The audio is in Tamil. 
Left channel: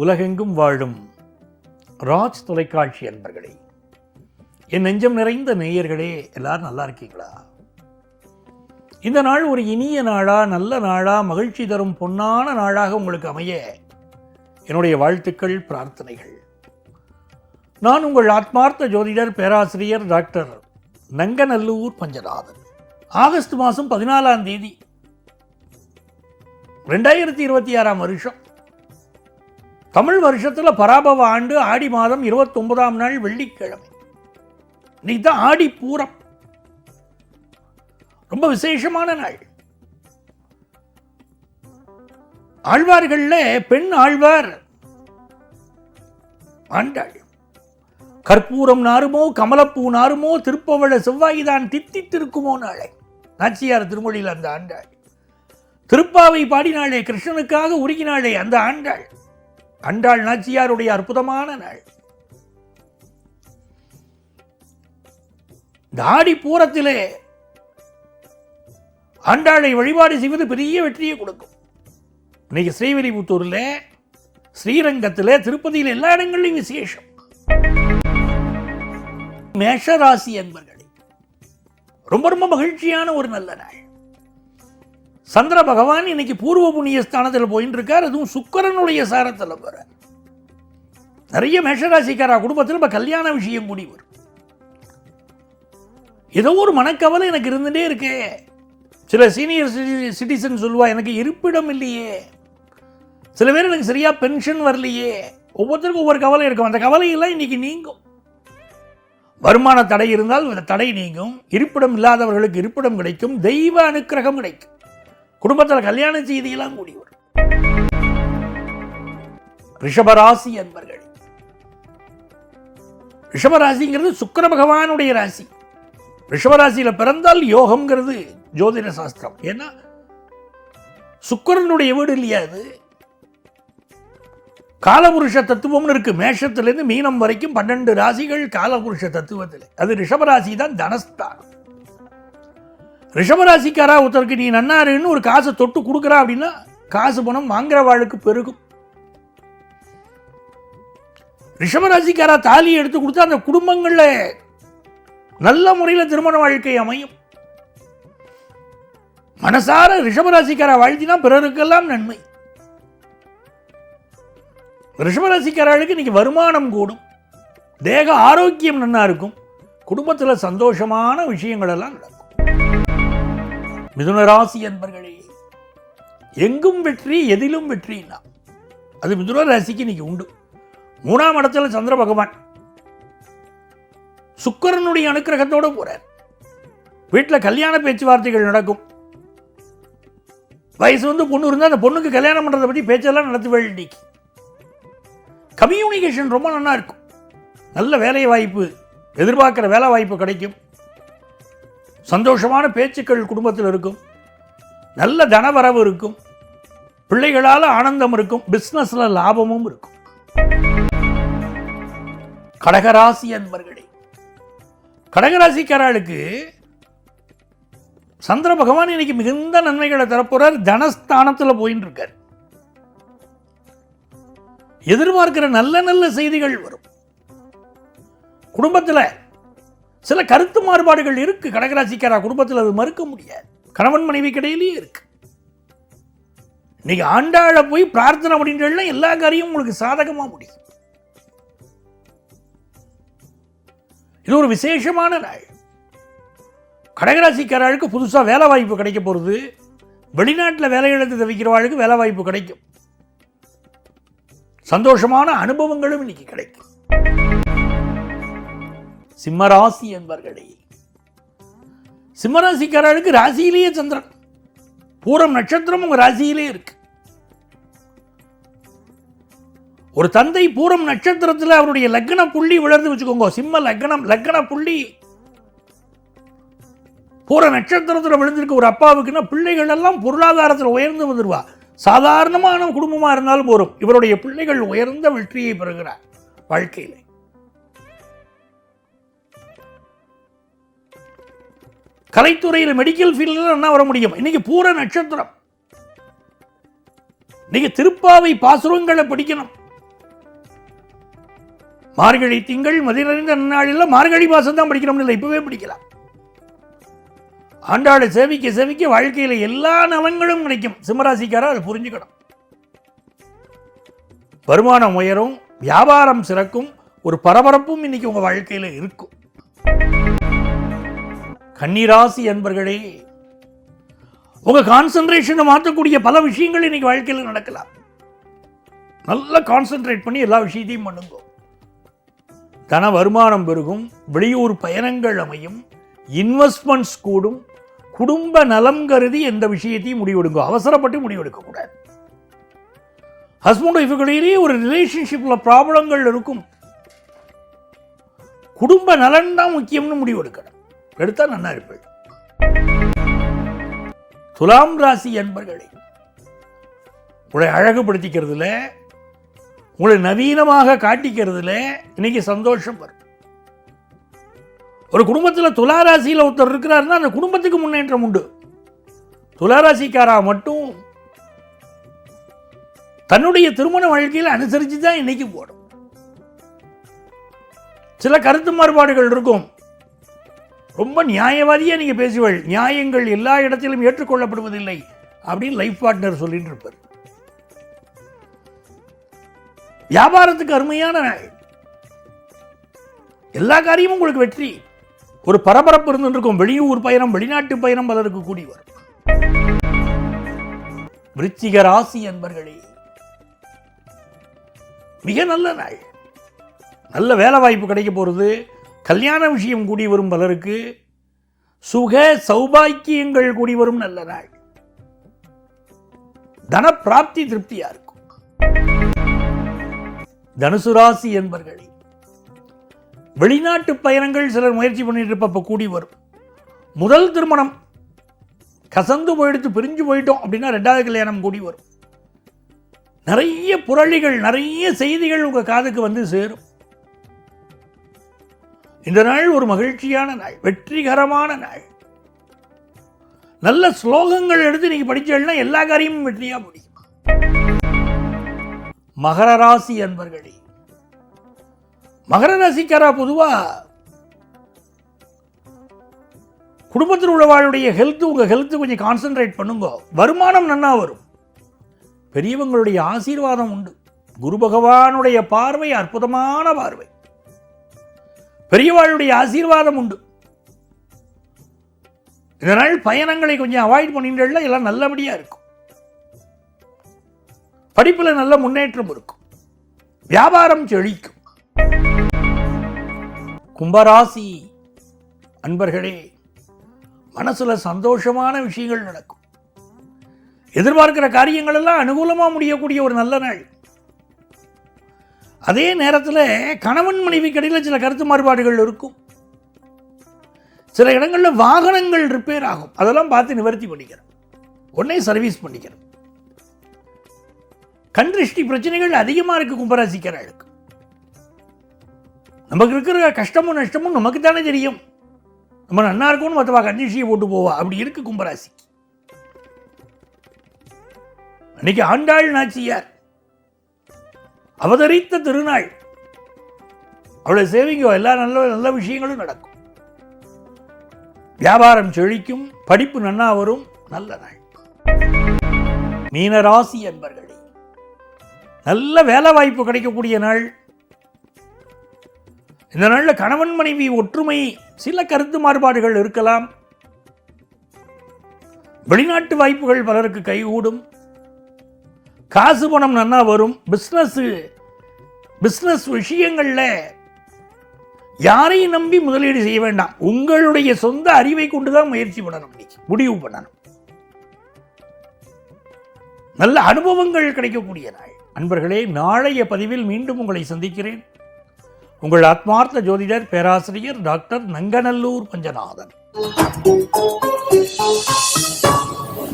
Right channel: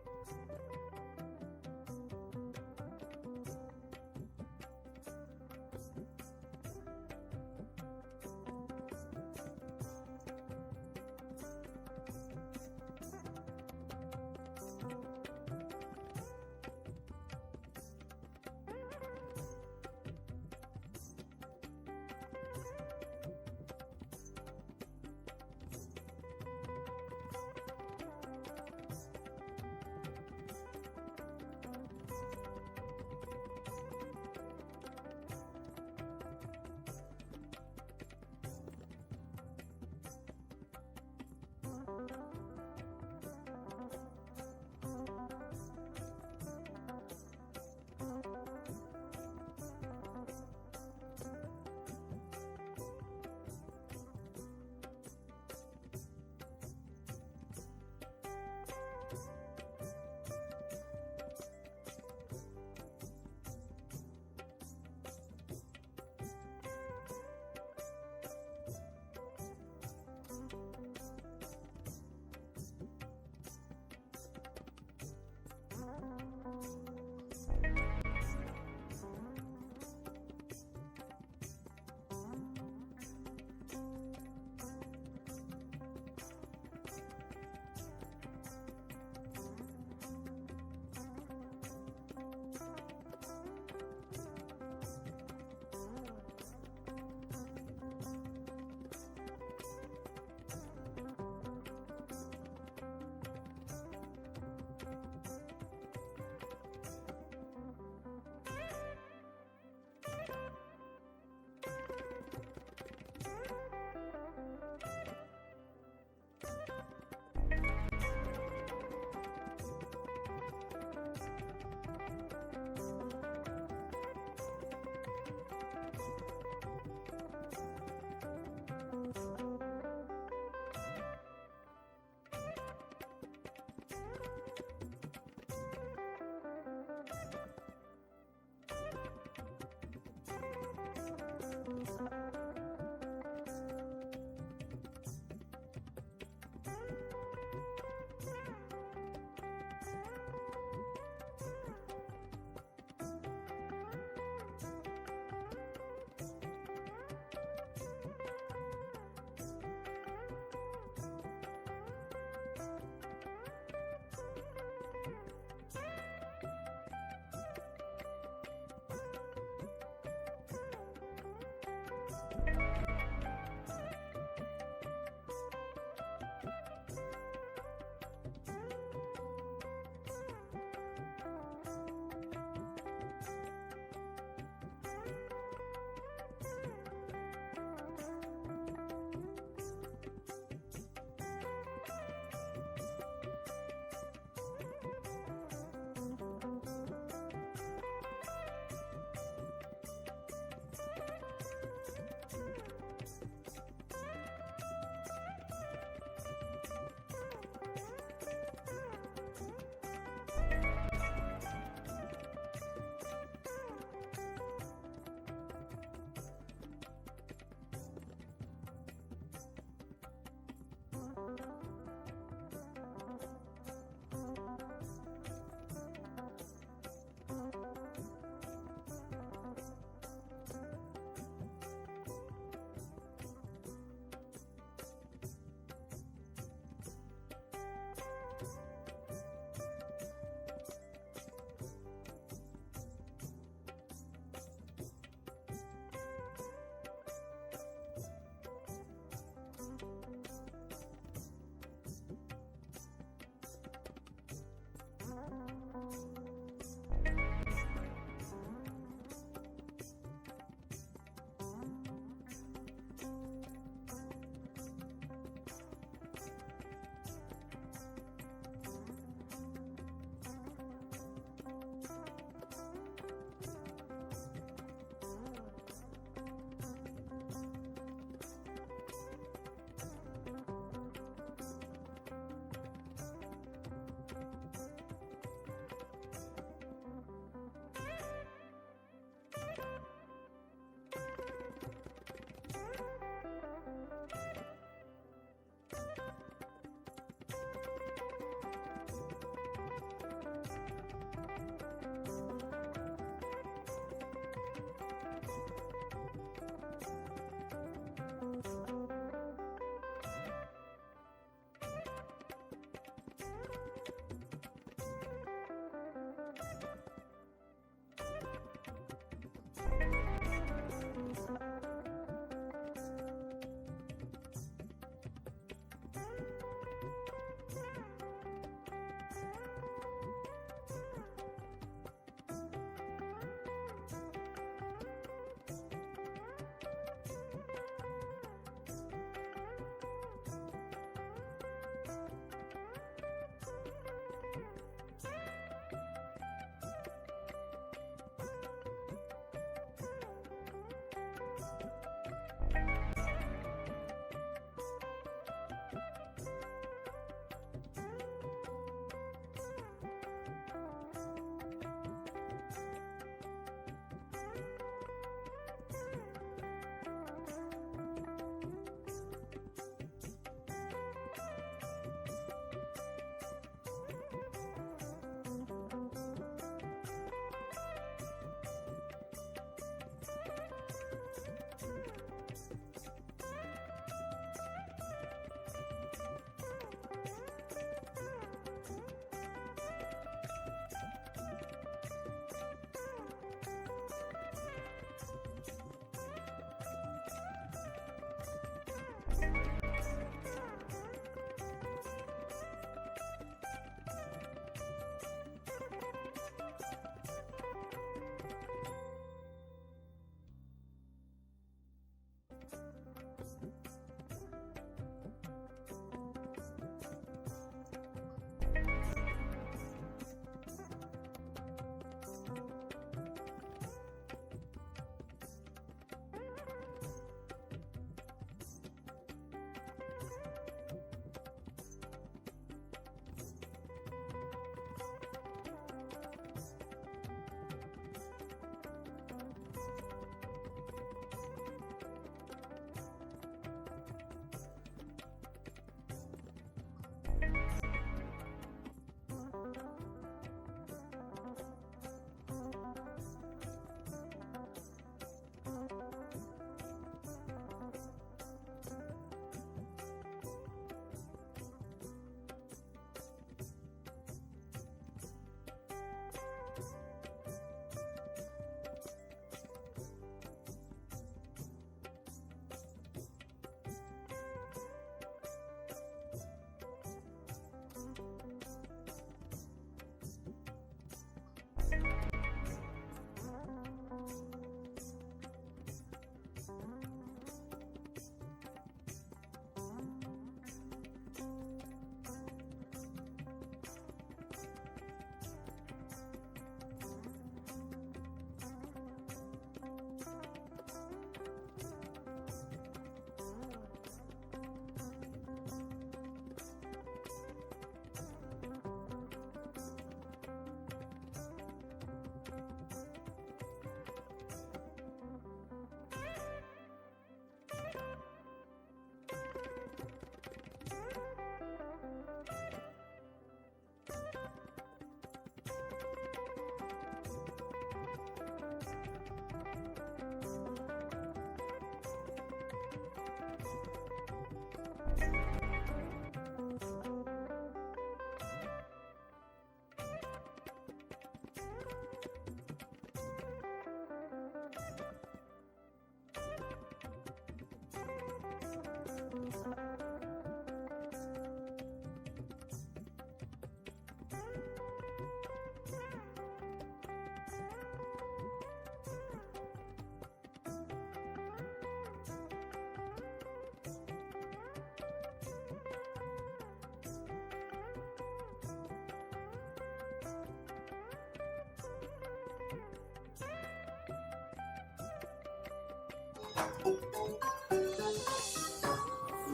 உலகெங்கும் வாழும் ராஜ் தொலைக்காட்சி அன்பர்களே, என் நெஞ்சம் நிறைந்த நேயர்களே, எல்லாரும் நல்லா இருக்கீங்களா? இந்த நாள் ஒரு இனிய நாளா, நல்ல நாளா, மகிழ்ச்சி தரும் பொன்னான நாளாக உங்களுக்கு அமைய என்னுடைய வாழ்த்துக்கள், பிரார்த்தனைகள். நான் உங்கள் ஆத்மார்த்த ஜோதிடர் பேராசிரியர் டாக்டர் நங்கநல்லூர் பஞ்சநாதன். ஆகஸ்ட் மாதம் 14ஆம் தேதி 2026 வருஷம், தமிழ் வருஷத்தில் பராபவ ஆண்டு ஆடி மாதம் 29ஆம் நாள் வெள்ளிக்கிழமை. இன்னைக்கு தான் ஆடி பூரம், ரொம்ப விசேஷமான நாள். ஆழ்வார்கள்ல பெண் ஆழ்வார் ஆண்டாள். கற்பூரம் நாருமோ கமலப்பூ நாருமோ திருப்பவள செவ்வாய்தான் தித்தித்திருக்குமோ நாளை. நாச்சியார் திருமொழியில் அந்த ஆண்டாள். திருப்பாவை பாடினாளே, கிருஷ்ணனுக்காக உருகினாளே அந்த ஆண்டாள். ஆண்டாள் நாச்சியாருடைய அற்புதமான நாள். இந்த ஆடி பூரத்திலே ஆண்டாளை வழிபாடு செய்வது பெரிய வெற்றியை கொடுக்கும். இன்னைக்கு ஸ்ரீவில்லிபுத்தூர்ல, ஸ்ரீரங்கத்திலே, திருப்பதியில் எல்லா இடங்களிலும் விசேஷம். மேஷராசி என்பர்களே, ரொம்ப ரொம்ப மகிழ்ச்சியான ஒரு நல்ல நாள். சந்திர பகவான் இன்னைக்கு பூர்வ புண்ணிய ஸ்தானத்தில் போயிட்டு இருக்கார். அதுவும் சுக்கிரனுடைய சாரத்தில் போற. நிறைய மேஷராசிக்காரா குடும்பத்தில் இப்ப கல்யாண விஷயம் கூடி வரும். ஏதோ ஒரு மனக்கவலை எனக்கு இருந்துட்டே இருக்கே. சில சீனியர் சிட்டிசன் சொல்லுவா, எனக்கு இருப்பிடம் இல்லையே. சில பேர் எனக்கு சரியா பென்ஷன் வரலையே. ஒவ்வொருத்தருக்கும் ஒவ்வொரு கவலை இருக்கும். அந்த கவலையெல்லாம் இன்னைக்கு நீங்கும். வருமான தடை இருந்தால் தடை நீங்கும். இருப்பிடம் இல்லாதவர்களுக்கு இருப்பிடம் கிடைக்கும். தெய்வ அனுக்கிரகம் கிடைக்கும். குடும்பத்தில் கல்யாண செய்தியெல்லாம் கூடி வரும். ரிஷபராசி என்பர்கள், ரிஷபராசிங்கிறது சுக்கிர பகவானுடைய ராசி. ரிஷபராசியில பிறந்தால் யோகம்ங்கிறது ஜோதிட சாஸ்திரம். ஏன்னா சுக்கிரனுடைய வீடு இல்லையா அது. காலபுருஷ தத்துவம்னு இருக்கு. மேஷத்திலிருந்து மீனம் வரைக்கும் 12 ராசிகள் காலபுருஷ தத்துவத்தில். அது ரிஷபராசி தான் தனஸ்தான். ரிஷபராசிக்காரா ஒருத்தருக்கு நீ நன்னாருன்னு ஒரு காசை தொட்டு கொடுக்குறா அப்படின்னா காசு பணம் வாங்குற வாழ்க்கை பெருகும். ரிஷபராசிக்காரா தாலி எடுத்து கொடுத்தா அந்த குடும்பங்கள்ல நல்ல முறையில் திருமண வாழ்க்கை அமையும். மனசார ரிஷபராசிக்காரா வாழ்த்தினா பிறருக்கெல்லாம் நன்மை. ரிஷபராசிக்காரர்களுக்கு இன்னைக்கு வருமானம் கூடும். தேக ஆரோக்கியம் நன்னா இருக்கும். குடும்பத்தில் சந்தோஷமான விஷயங்கள் எல்லாம் நடக்கும். மிதுன ராசி என்பர்களே, எங்கும் வெற்றி, எதிலும் வெற்றி. அது மிதுன ராசிக்கு இன்னைக்கு உண்டு. 3ஆம் இடத்துல சந்திர பகவான் சுக்கிரனுடைய அனுக்கிரகத்தோடு போறார். வீட்டில் கல்யாண பேச்சுவார்த்தைகள் நடக்கும். வயசு வந்து பொண்ணு இருந்தால் அந்த பொண்ணுக்கு கல்யாணம் பண்றதை பற்றி பேச்செல்லாம் நடத்துவேன். இன்னைக்கு கம்யூனிகேஷன் ரொம்ப நல்லா இருக்கும். நல்ல வேலை வாய்ப்பு, எதிர்பார்க்கிற வேலை வாய்ப்பு கிடைக்கும். சந்தோஷமான பேச்சுக்கள் குடும்பத்தில் இருக்கும். நல்ல தனவரவு இருக்கும். பிள்ளைகளால் ஆனந்தம் இருக்கும். பிசினஸ்ல லாபமும் இருக்கும். கடகராசி அன்பர்களே, கடகராசிக்காரர்களுக்கு சந்திர பகவான் இன்னைக்கு மிகுந்த நன்மைகளை தரப்போறார். தனஸ்தானத்தில் போயின்னு இருக்கார். எதிர்பார்க்கிற நல்ல நல்ல செய்திகள் வரும். குடும்பத்தில் சில கருத்து மாறுபாடுகள் இருக்கு. கடகராசிக்காரா குடும்பத்தில் அது மறுக்க முடியாது. கணவன் மனைவி கிடையிலேயே இருக்கு. நீங்க ஆண்டாள போய் பிரார்த்தனை பண்ணிட்டு எல்லா காரியமும் உங்களுக்கு சாதகமா முடியும். இது ஒரு விசேஷமான நாள். கடகராசிக்காரர்களுக்கு புதுசா வேலை வாய்ப்பு கிடைக்க போறது. வெளிநாட்டில் வேலை இழந்து தவிக்கிறவர்களுக்கு வேலை வாய்ப்பு கிடைக்கும். சந்தோஷமான அனுபவங்களும் இன்னைக்கு கிடைக்கும். சிம்மராசி என்பர்களே, சிம்மராசிக்காரர்களுக்கு ராசியிலேயே சந்திரன். பூரம் நட்சத்திரம் உங்க ராசியிலே இருக்கு. ஒரு தந்தை பூரம் நட்சத்திரத்தில் அவருடைய லக்ன புள்ளி விழுந்து வச்சுக்கோங்க. சிம்ம லக்ன புள்ளி பூர நட்சத்திரத்தில் விழுந்திருக்கு ஒரு அப்பாவுக்குன்னா பிள்ளைகள் எல்லாம் பொருளாதாரத்தில் உயர்ந்து வந்துருவா. சாதாரணமான குடும்பமா இருந்தாலும் போரும். இவருடைய பிள்ளைகள் உயர்ந்த வெற்றியை பெறுகிறார் வாழ்க்கையில். கலைத்துறையில் மெடிக்கல் ஃபீல்டில் என்ன வர முடியும். இன்னைக்கு பூர நட்சத்திரம். நீங்க திருப்பாவை பாசுரங்களை படிக்கணும். மார்கழி திங்கள் மதி நிறைந்த நன்னாளில் மார்கழி மாசம் தான் படிக்கிறோம்னு இல்லை, இப்பவே படிக்கலாம். ஆண்டாளை சேவிக்க சேவிக்க வாழ்க்கையில எல்லா நலன்களும் கிடைக்கும். சிம்மராசிக்காரா அதை புரிஞ்சுக்கணும். வருமானம் உயரும், வியாபாரம் சிறக்கும், ஒரு பரபரப்பும் இன்னைக்கு உங்க வாழ்க்கையில இருக்கும். கன்னிராசி என்பர்களே, உங்க கான்சென்ட்ரேஷனை மாற்றக்கூடிய பல விஷயங்கள் இன்னைக்கு வாழ்க்கையில் நடக்கலாம். நல்லா கான்சென்ட்ரேட் பண்ணி எல்லா விஷயத்தையும் பண்ணுங்க. தன வருமானம் பெருகும், வெளியூர் பயணங்கள் அமையும், இன்வெஸ்ட்மெண்ட்ஸ் கூடும், குடும்ப நலம் கருதி எந்த விஷயத்தையும் முடிவெடுங்க. அவசரப்பட்டு முடிவெடுக்க கூடாது. ஹஸ்பண்ட் ஒய்ஃபுகளிலேயே ஒரு ரிலேஷன்ஷிப்ல ப்ராப்ளங்கள் இருக்கும். குடும்ப நலன் தான் முக்கியம்னு முடிவெடுக்கணும். எடுத்தா நல்லா இருப்பேன். துலாம் ராசி என்பர்களே, உங்களை அழகுபடுத்திக்கிறதுல, உங்களை நவீனமாக காட்டிக்கிறதுல இன்னைக்கு சந்தோஷம் வரும். ஒரு குடும்பத்தில் துளாராசியில் ஒருத்தர் இருக்கிறாருன்னா அந்த குடும்பத்துக்கு முன்னேற்றம் உண்டு. துளாராசிக்காரா மட்டும் தன்னுடைய திருமண வாழ்க்கையில் அனுசரித்து தான் இன்னைக்கு போடும். சில கருத்து மாறுபாடுகள் இருக்கும். ரொம்ப நியாயவாதியா நீங்க பேசுவீர்கள். நியாயங்கள் எல்லா இடத்திலும் ஏற்றுக்கொள்ளப்படுவதில்லை அப்படின்னு லைஃப் பார்ட்னர் சொல்லிட்டு இருப்பார். வியாபாரத்துக்கு அருமையான நாள். எல்லா காரியமும் உங்களுக்கு வெற்றி. ஒரு பரபரப்பு இருந்துருக்கும். வெளியூர் பயணம், வெளிநாட்டு பயணம் பலருக்கு கூடி வரும். விருச்சிக ராசி என்பர்களே, மிக நல்ல நாள். நல்ல வேலை வாய்ப்பு கிடைக்க போறது. கல்யாண விஷயம் கூடி வரும் பலருக்கு. சுக சௌபாக்கியங்கள் கூடி வரும் நல்ல நாள். தன பிராப்தி திருப்தியா இருக்கும். தனுசு ராசி என்பர்களே, வெளிநாட்டு பயணங்கள் சிலர் முயற்சி பண்ணிட்டு இருப்ப கூடி வரும். முதல் திருமணம் கசந்து போயிடுத்து, பிரிஞ்சு போயிட்டோம் அப்படின்னா ரெண்டாவது கல்யாணம் கூடி வரும். நிறைய புரளிகள், நிறைய செய்திகள் உங்க காதுக்கு வந்து சேரும். இந்த நாள் ஒரு மகிழ்ச்சியான நாள், வெற்றிகரமான நாள். நல்ல ஸ்லோகங்கள் எடுத்து நீங்க படிச்சீங்கன்னா எல்லா காரியமும் வெற்றியா முடியும். மகர ராசி என்பர்களே, மகர ராசிக்காரா பொதுவா குடும்பத்தில் உள்ளவாளுடைய ஹெல்த், உங்க ஹெல்த் கொஞ்சம் கான்சென்ட்ரேட் பண்ணுங்க. வருமானம் நன்னா வரும். பெரியவங்களுடைய ஆசீர்வாதம் உண்டு. குரு பகவானுடைய பார்வை அற்புதமான பார்வை. பெரியவாளுடைய ஆசீர்வாதம் உண்டு. இதனால் பயணங்களை கொஞ்சம் அவாய்ட் பண்ணிட்டு எல்லாம் நல்லபடியா இருக்கும். படிப்புல நல்ல முன்னேற்றம் இருக்கும். வியாபாரம் செழிக்கும். கும்பராசி அன்பர்களே, மனசுல சந்தோஷமான விஷயங்கள் நடக்கும். எதிர்பார்க்கிற காரியங்கள் எல்லாம் அனுகூலமா முடியக்கூடிய ஒரு நல்ல நாள். அதே நேரத்தில் கணவன் மனைவி கடையில் சில கருத்து மாறுபாடுகள் இருக்கும். சில இடங்களில் வாகனங்கள் ரிப்பேர் ஆகும். அதெல்லாம் பார்த்து நிவர்த்தி பண்ணிக்கிறேன். உடனே சர்வீஸ் பண்ணிக்கிறேன். கண் திருஷ்டி பிரச்சனைகள் அதிகமாக இருக்கு கும்பராசிக்காரர்களுக்கு. நமக்கு இருக்கிற கஷ்டமும் நஷ்டமும் நமக்கு தானே தெரியும். நம்ம நன்னா இருக்கும்னு மற்றவா கண் திருஷ்டியை போட்டு போவா. அப்படி இருக்கு கும்பராசி. அன்னைக்கு ஆண்டாள் நாச்சியார் அவதரித்த திருநாள். அவளை சேவிங்க, எல்லா நல்ல நல்ல விஷயங்களும் நடக்கும். வியாபாரம் செழிக்கும். படிப்பு நன்னா வரும். நல்ல நாள். மீனராசி என்பர்களே, நல்ல வேலை வாய்ப்பு கிடைக்கக்கூடிய நாள். இந்த நாள்ல கணவன் மனைவி ஒற்றுமை, சில கருத்து மாறுபாடுகள் இருக்கலாம். வெளிநாட்டு வாய்ப்புகள் பலருக்கு கைகூடும். காசு பணம் நன்னா வரும். பிசினஸ் விஷயங்கள்ல யாரையும் நம்பி முதலீடு செய்ய வேண்டாம். உங்களுடைய சொந்த அறிவை கொண்டுதான் முயற்சி பண்ணணும், முடிவு பண்ணணும். நல்ல அனுபவங்கள் கிடைக்கக்கூடிய நாள். அன்பர்களே, நாளைய பதிவில் மீண்டும் உங்களை சந்திக்கிறேன். உங்கள் ஆத்மார்த்த ஜோதிடர் பேராசிரியர் டாக்டர் நங்கநல்லூர் பஞ்சநாதன்.